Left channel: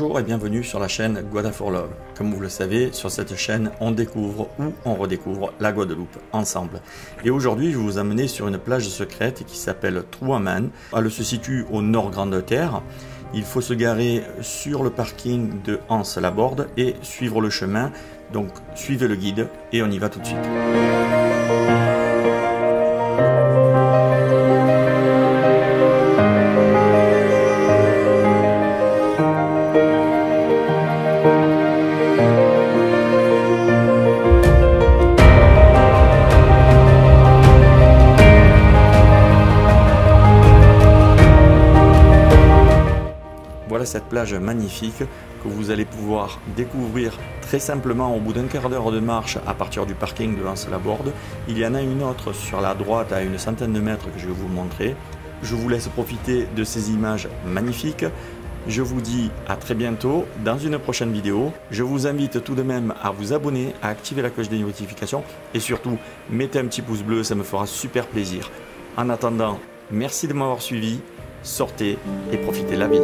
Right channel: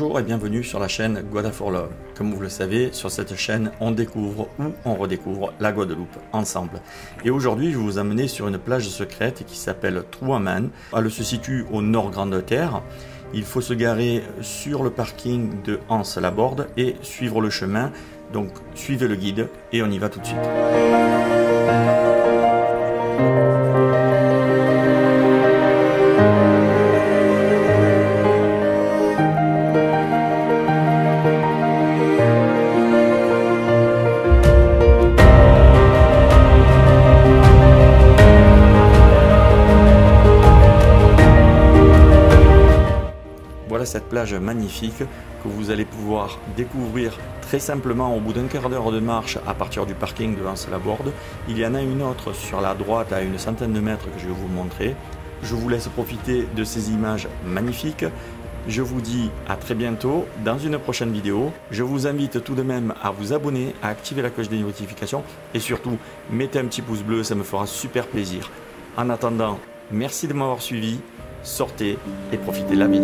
Bonjour et bienvenue sur la chaîne Guada for Love. Comme vous le savez, sur cette chaîne, on découvre ou on redécouvre la Guadeloupe ensemble. Et aujourd'hui, je vais vous amener sur une plage secrète qui s'appelle Trouaman. Elle se situe au nord Grande-Terre. Il faut se garer sur le parking de Anse-la-Borde et suivre le chemin. Donc suivez le guide et on y va tout de suite. Voilà cette plage magnifique que vous allez pouvoir découvrir très simplement au bout d'un quart d'heure de marche à partir du parking de Anse-la-Borde. Il y en a une autre sur la droite à une centaine de mètres que je vais vous montrer. Je vous laisse profiter de ces images magnifiques. Je vous dis à très bientôt dans une prochaine vidéo. Je vous invite tout de même à vous abonner, à activer la cloche des notifications et surtout mettez un petit pouce bleu, ça me fera super plaisir. En attendant, merci de m'avoir suivi. Sortez et profitez de la vie.